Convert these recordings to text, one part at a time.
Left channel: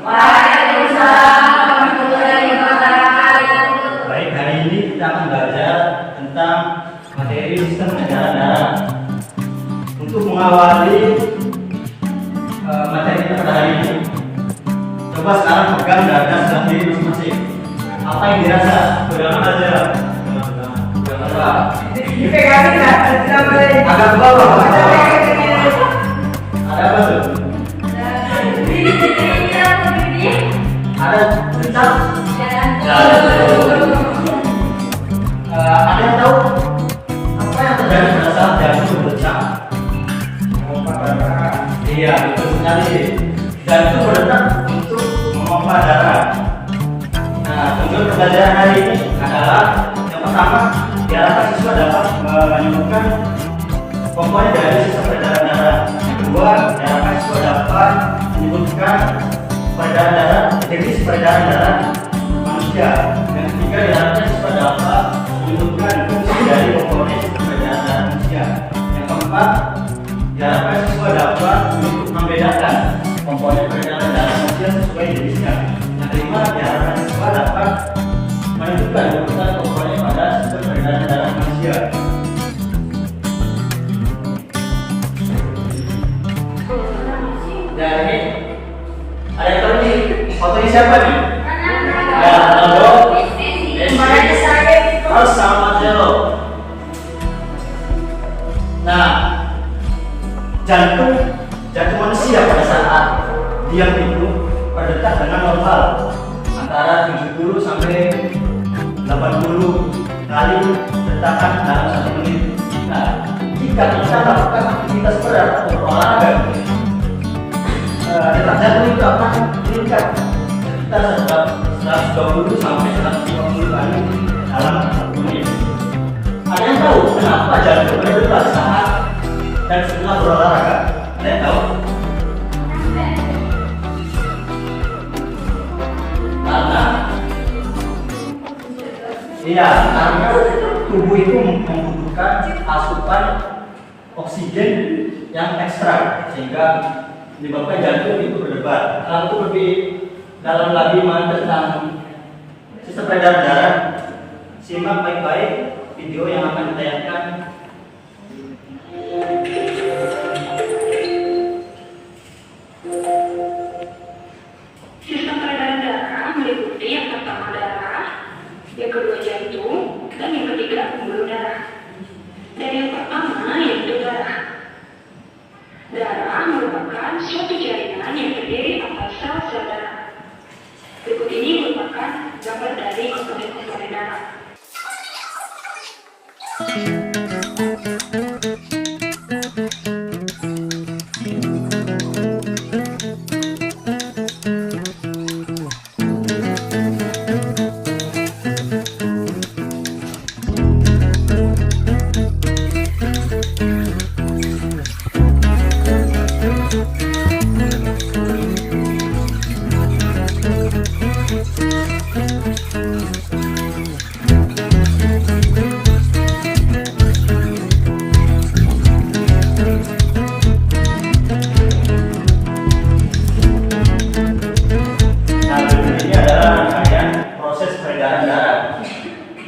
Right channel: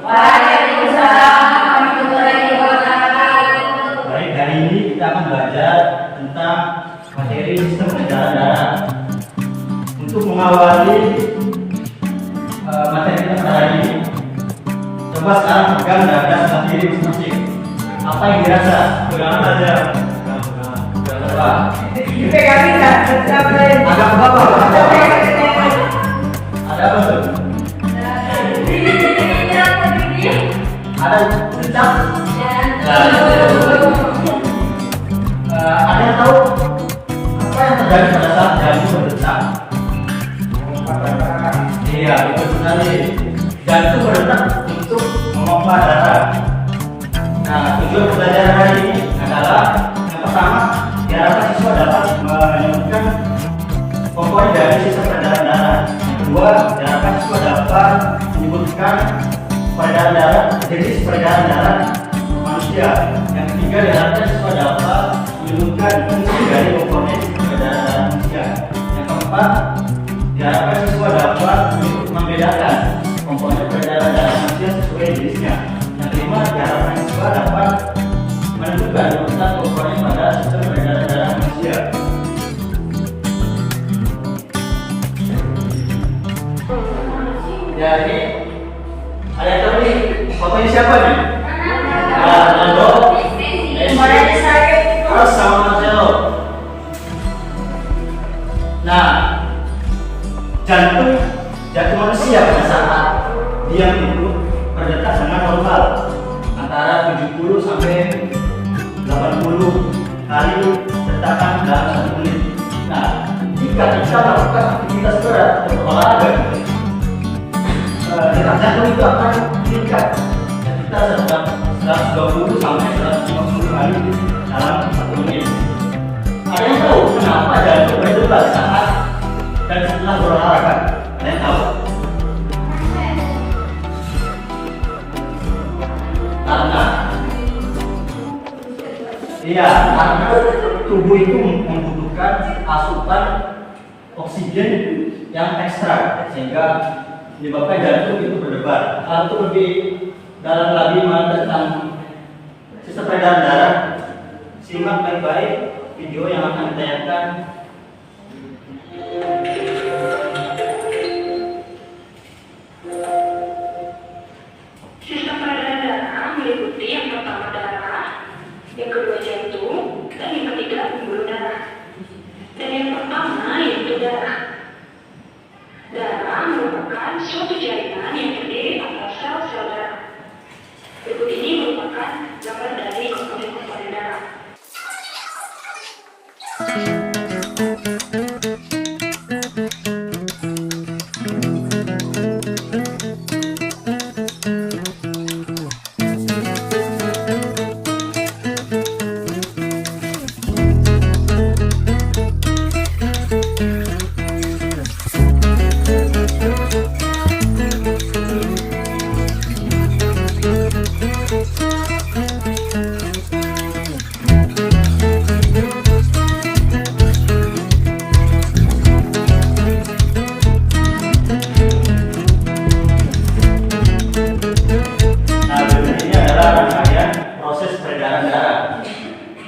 Waalaikumsalam warahmatullahi wabarakatuh. Baik, hari ini kita akan belajar tentang materi sistem peredaran darah. Untuk mengawali materi kita pada hari ini, coba sekarang pegang dada sebelah kiri masing-masing. Apa yang dirasa? Pegangan aja. Pegangan. Dipegangin nggak? Agak ke bawah. Ada apa tuh? Ada detak. Ada yang tahu apa yang terjadi pada saat jantung berdetak? Iya, betul sekali. Jantung berdetak untuk memompa darah. Nah, tujuan pembelajaran hari ini adalah yang pertama, diharapkan siswa dapat menemukan komponen dari sistem peredaran darah. Yang kedua, diharapkan siswa dapat menyebutkan peredaran darah, jenis peredaran darah manusia. Yang ketiga, diharapkan siswa dapat menyebutkan fungsi dari komponen peredaran darah manusia. Yang keempat, diharapkan siswa dapat membedakan komponen peredaran darah manusia sesuai jenisnya. Yang kelima, diharapkan siswa dapat menentukan komponen pada sistem peredaran darah manusia. Ya, ini ada yang tahu nih fotonya siapa nih? Harus sama Marcelo. Nah, jantung manusia pada saat diam itu berdetak dengan normal antara 70 sampai 80 kali detakan dalam 1 menit. Nah, jika kita lakukan aktivitas berat atau olahraga, detak jantung itu akan meningkat sekitar 120 sampai 150 kali dalam 1 menit. Ada yang tahu kenapa jantung berdetak saat dan setelah berolahraga? Ada yang tahu? Karena tubuh itu membutuhkan asupan oksigen yang ekstra sehingga menyebabkan jantung itu berdebar. Untuk lebih dalam lagi tentang sistem peredaran darah, simak baik-baik video yang akan ditayangkan. Sistem peredaran darah meliputi yang pertama darah, yang kedua jantung, dan yang ketiga pembuluh darah. Dan yang pertama yaitu darah. Darah merupakan suatu jaringan yang terdiri atas sel-sel darah. Berikut ini merupakan gambar dari komponen darah.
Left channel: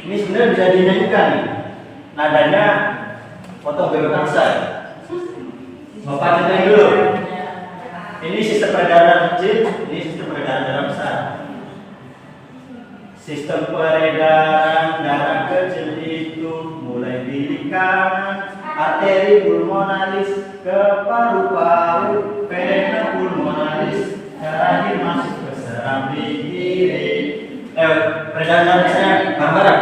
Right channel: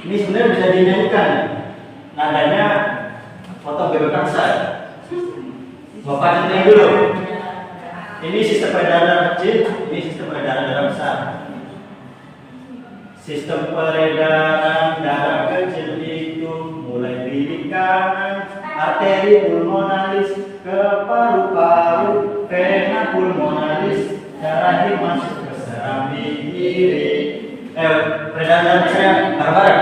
Ini sebenarnya bisa dinyanyikan. Nadanya potong bebek kaksa. Bapak nyanyi dulu. Ini sistem peredaran darah kecil, ini sistem peredaran darah besar. Sistem peredaran darah kecil itu mulai dari kanan, arteri pulmonalis ke paru-paru, vena pulmonalis, terakhir masuk ke serambi kiri. Peredaran darah besar bareng-bareng.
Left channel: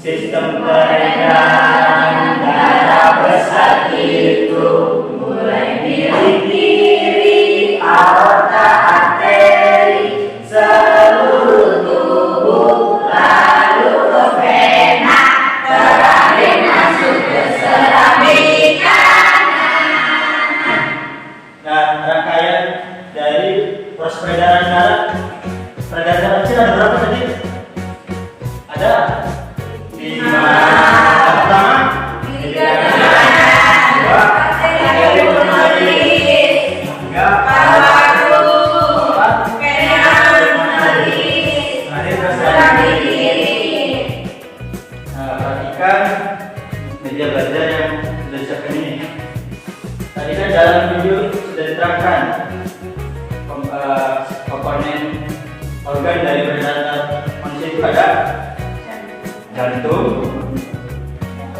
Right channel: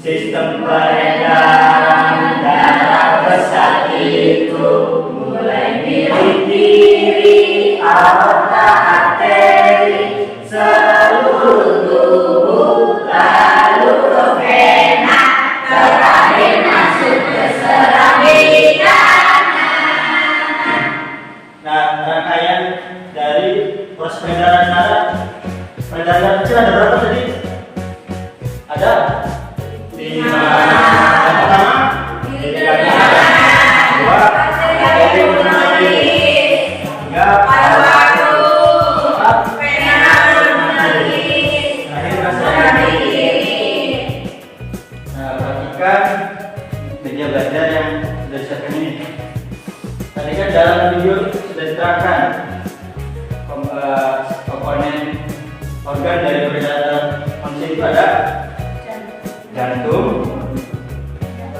Sistem peredaran darah besar itu mulai dari kiri, aorta, arteri, seluruh tubuh, lalu ke vena, terakhir masuk ke serambi kanan. Nah, rangkaian dari proses peredaran darah kecil ada berapa tadi? Ada 5. Yang pertama, arteri pulmonalis, 2, paru-paru, 4, organ dari peredaran manusia itu ada jantung,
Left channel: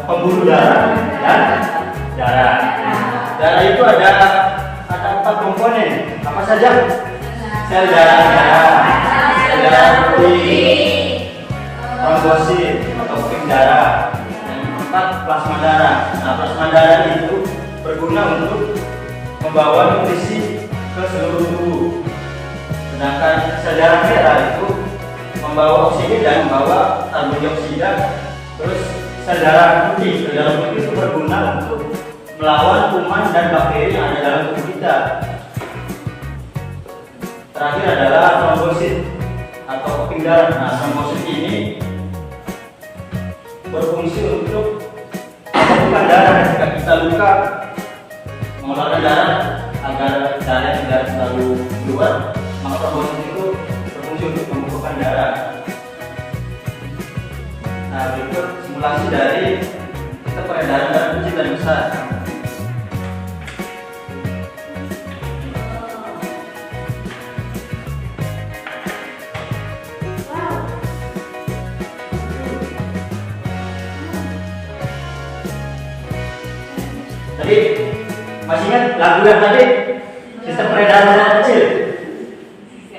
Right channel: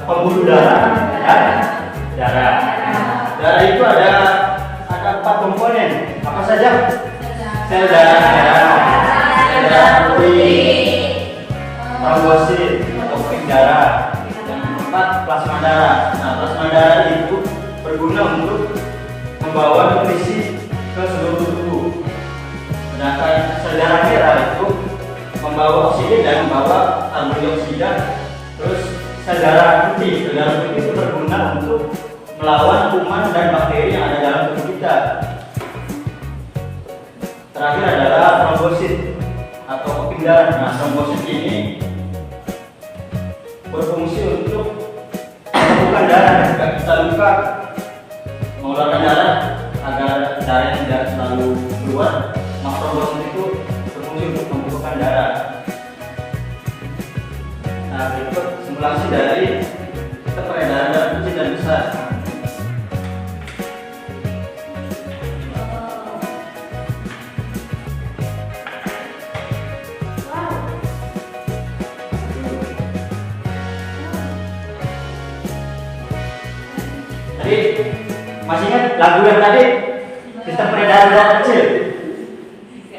pembuluh darah, dan darah. Darah itu ada 4 komponen. Apa saja? Sel darah merah, sel darah putih, trombosit atau keping darah. Yang keempat, plasma darah. Nah, plasma darah itu berguna untuk membawa nutrisi ke seluruh tubuh. Sedangkan sel darah merah itu membawa oksigen dan membawa karbon dioksida. Terus sel darah putih itu berguna untuk melawan kuman dan bakteri yang ada dalam tubuh kita. Terakhir adalah trombosit atau keping darah. Nah, trombosit ini berfungsi untuk mengumpulkan darah ketika kita luka, mengeluarkan darah agar darah tidak selalu keluar. Maka trombosit itu berfungsi untuk mengumpulkan darah. Nah, berikut simulasi dari kita peredaran darah kecil dan besar. Tadi masih ingat lagu yang tadi? Sistem peredaran darah kecil.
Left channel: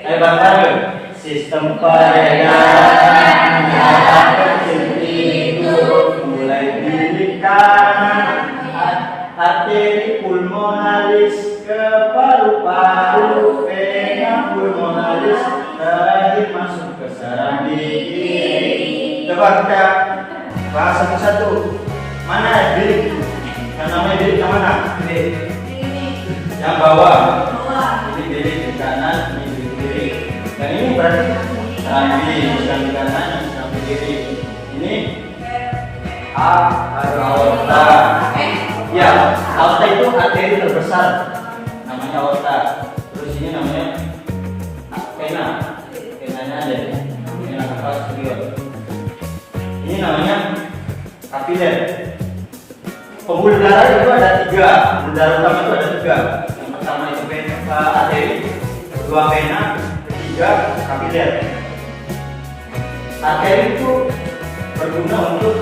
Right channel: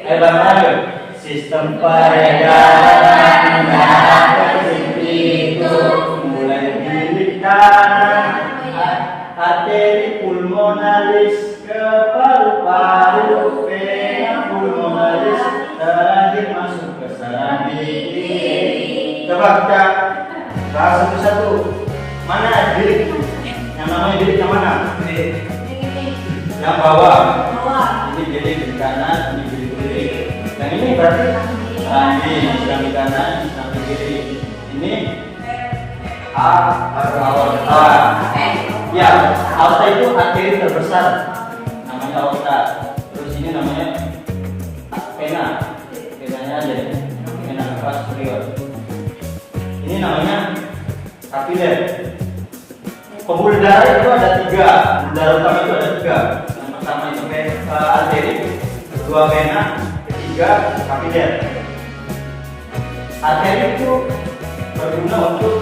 Ayo bareng. Sistem peredaran darah kecil itu mulai di kanan, arteri pulmonalis ke paru-paru, vena pulmonalis terakhir masuk ke saraf di kiri. Coba kita bahas satu-satu. Mana bilik? Yang namanya bilik yang mana? Yang bawah. Ini bilik di kanan, ini bilik kiri. Yang ini berarti serambi kanan, serambi kiri. Ini aorta. Ya, aorta itu arteri terbesar, namanya aorta. Terus ini namanya vena, venanya aja, vena cava superior. Ini namanya kapiler. Pembuluh darah itu ada 3. Pembuluh darah utama itu ada 3. Yang pertama itu arteri, kedua vena, ketiga kapiler. Arteri itu berguna untuk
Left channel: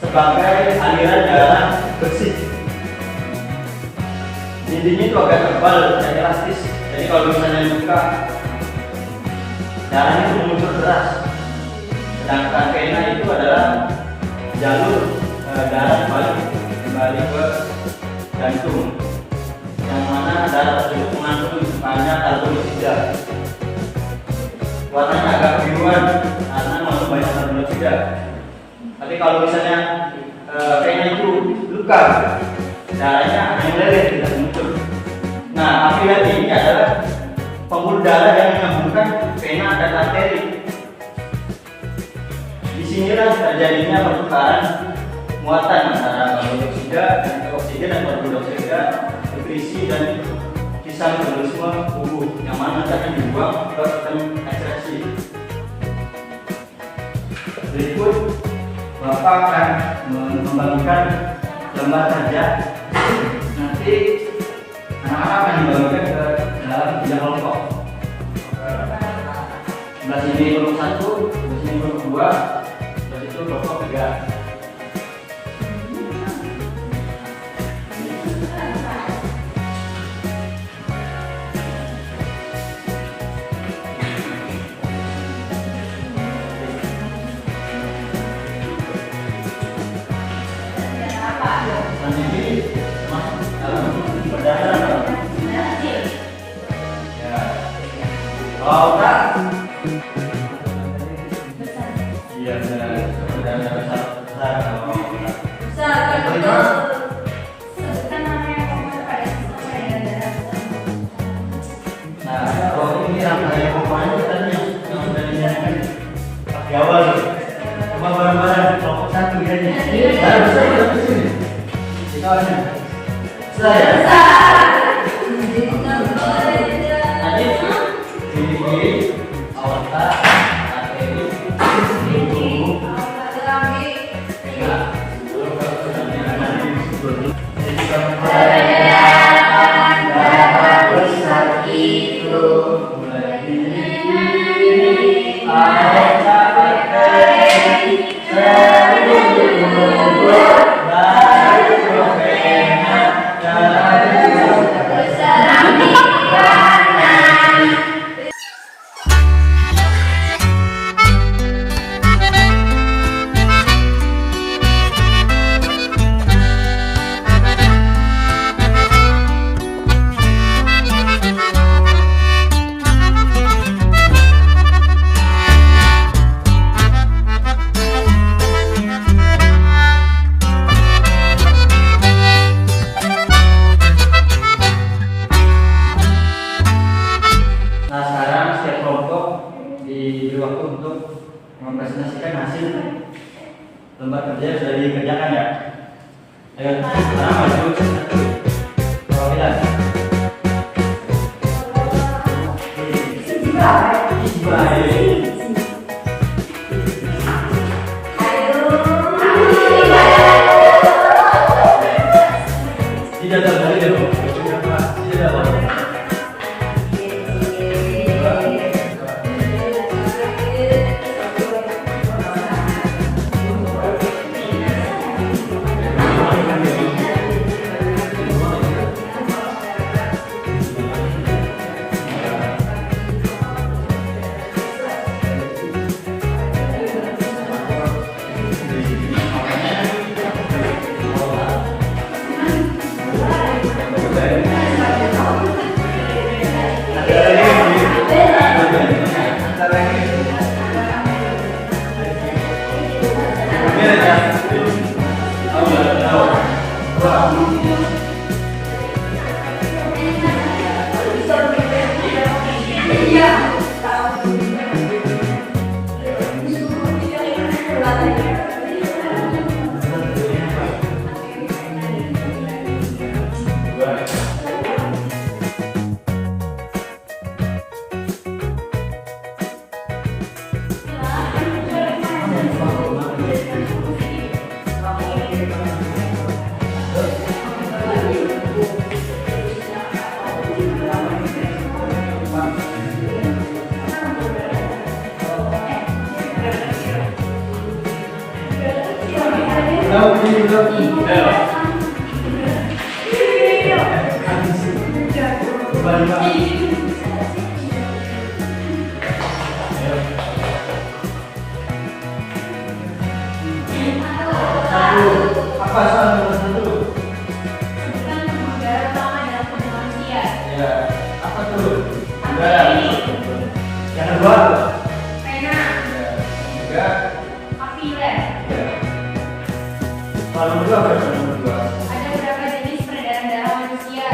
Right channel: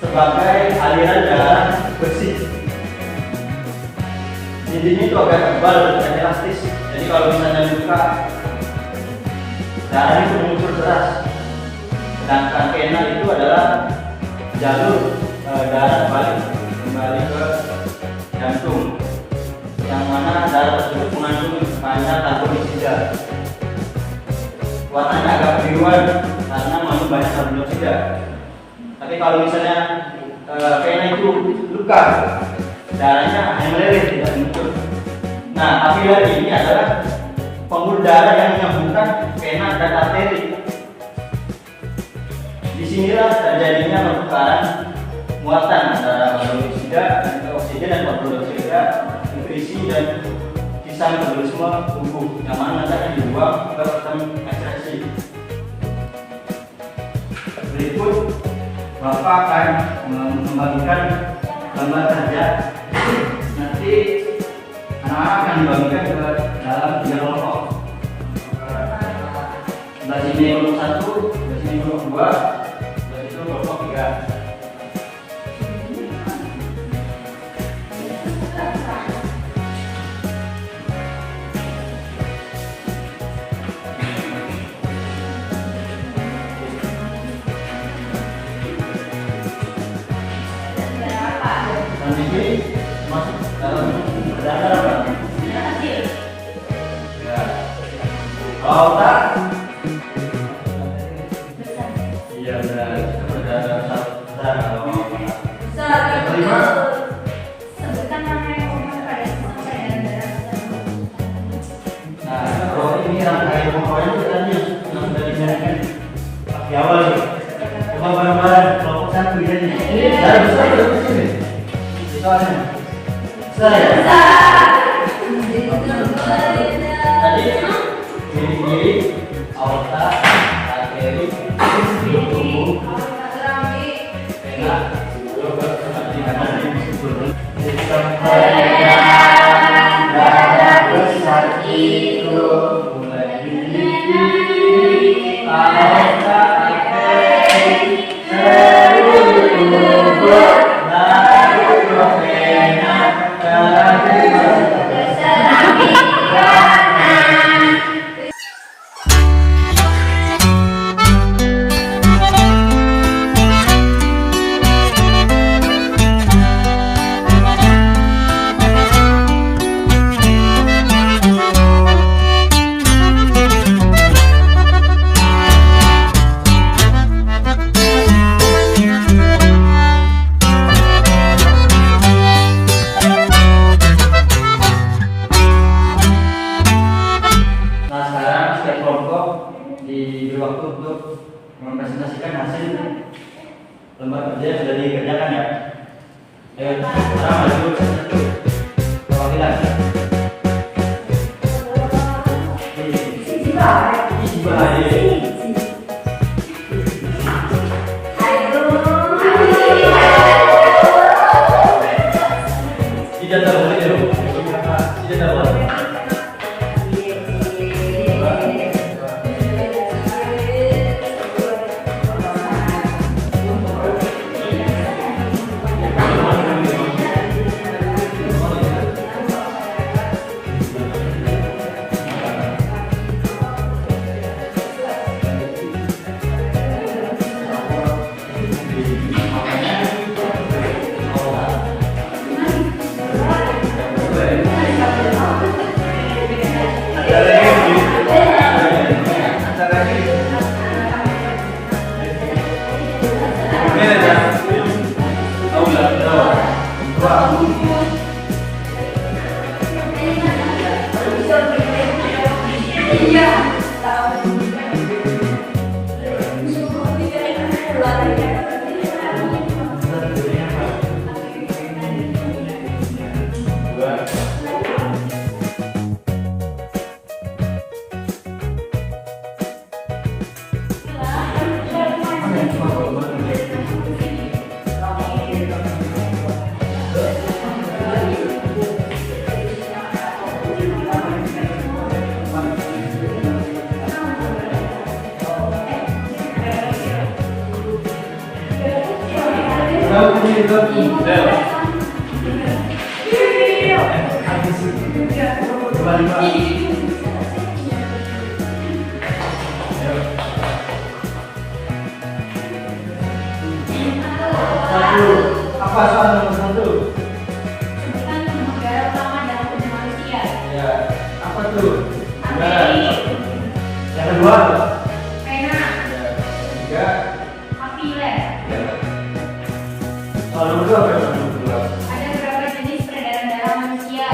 sebagai aliran darah bersih. Dindingnya itu agak tebal dan elastis. Jadi kalau misalnya buka, darahnya itu mengucur deras. Sedangkan vena itu adalah jalur darah kembali ke jantung, yang mana darah tersebut mengandung banyak karbon dioksida. Warnanya agak biruan karena mengandung banyak karbon dioksida. Tapi kalau misalnya vena itu luka, darahnya hanya meleleh, tidak muncul. Nah, kapiler ini adalah pembuluh darah yang menyambungkan vena dan arteri. Disinilah terjadinya pertukaran muatan antara karbon dioksida dan oksigen dan karbon dioksida, nutrisi dan sisa metabolisme tubuh yang mana akan dibuang ke sistem ekstresi. Berikut Bapak akan membagikan gambar kerja. Nanti anak-anak akan dibagikan ke dalam 3 kelompok. Sebelah sini kelompok 1, sebelah sini kelompok 2, sebelah itu kelompok 3. Aorta. Iya benar. Besar. Sebutkan nama yang komponen pada sistem darah. Nah, kalau ini rangkaian komponen tadi yang sudah dinyatakan di awal nih. Coba bareng-bareng kelompok 1 ya nih. Darah besar atau kecil? Besarnya. Besar. Tadi aorta, arteri, tubuh, vena. Darah besar itu mulai presentasikan hasil lembar kerja yang sudah dikerjakan ya. Ayo, sekarang maju satu. Perwakilan. Tidak tahu ya, tidak tahu. Apa soal nomor satu? Sebutkan negara pertama dalam tubuh manusia. Ya, apa tuh? Api. Yang kedua? Pena. Ya. Tiga. Api lem. Ya. Soal nomor dua apa nomor dua? Ada berapa jenis peredaran darah manusia?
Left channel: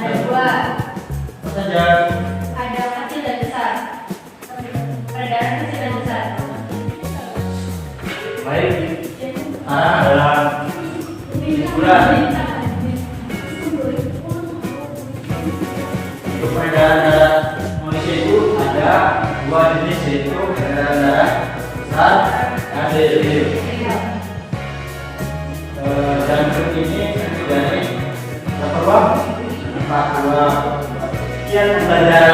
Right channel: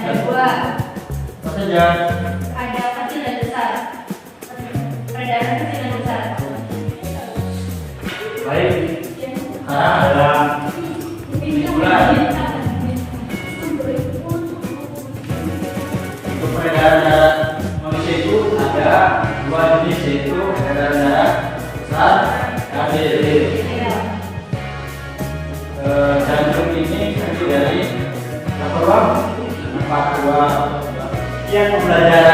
Ada 2. Apa saja? Ada kecil dan besar. Peredaran kecil dan besar. Baik. Sekarang adalah kesimpulan. Untuk peredaran darah manusia itu ada 2 jenis, yaitu peredaran darah besar dan kecil. Dan grup ini terdiri dari 4 ruang. Sekian pembelajaran